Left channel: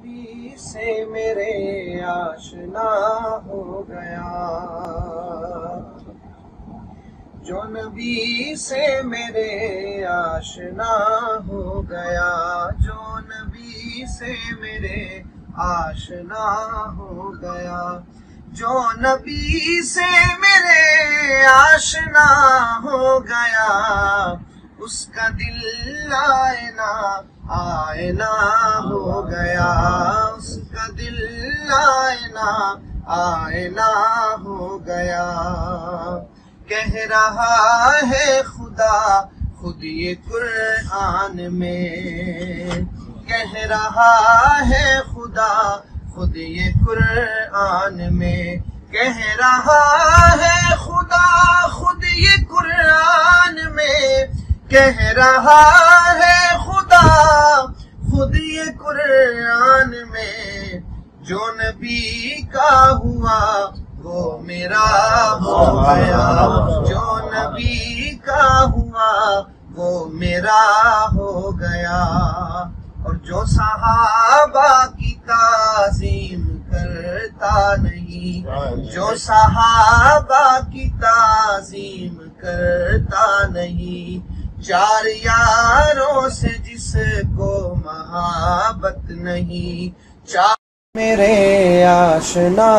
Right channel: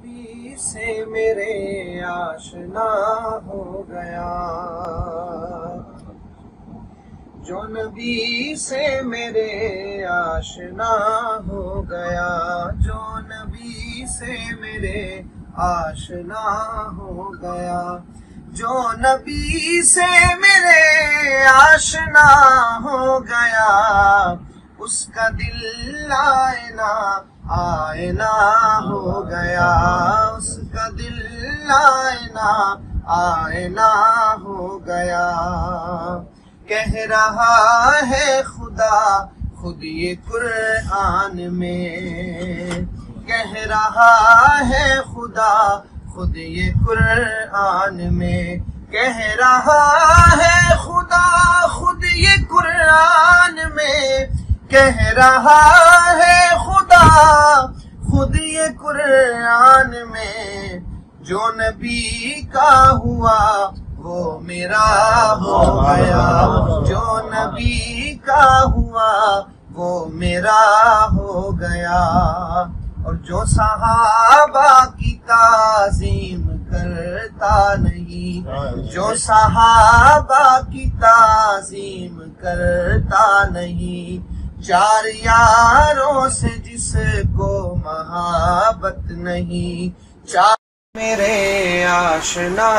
نبی سے میرے آشنا ہو گیا، جو نبی سے میرے آشنا ہو گیا، جو نبی سے میرے آشنا ہو گیا، جو نبی سے میرے آشنا ہو گیا، اس کا دل آئینہ آئینہ ہو گیا، اس کا دل آئینہ آئینہ ہو گیا۔ کہہ رہا ہے خدا خود یہ قرآن میں، کہہ رہا ہے خدا خود یہ قرآن میں، کہہ رہا ہے خدا خود یہ قرآن میں، کہہ رہا ہے خدا خود یہ قرآن میں، جو نبی کا ہوا وہ میرا ہو گیا، جو نبی کا ہوا وہ میرا ہو گیا۔ اور جو صحابہ کی تعظیم کرتا نہیں، جو صحابہ کی تعظیم کرتا نہیں، چار یاروں سے جس کو محبت نہیں، چار میرے آشنا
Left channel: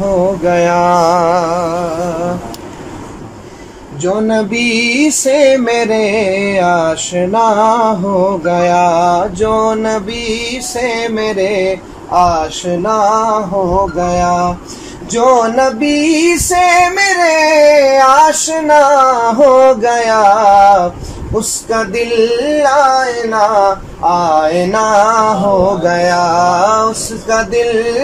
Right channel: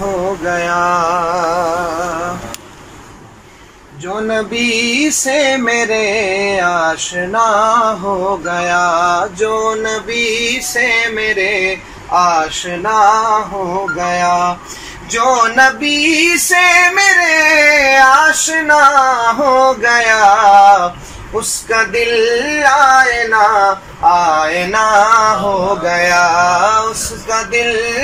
ہو گیا، جو نبی سے میرے آشنا ہو گیا، جو نبی سے میرے آشنا ہو گیا، جو نبی سے میرے آشنا ہو گیا، اس کا دل آئینہ آئینہ ہو گیا، اس کا دل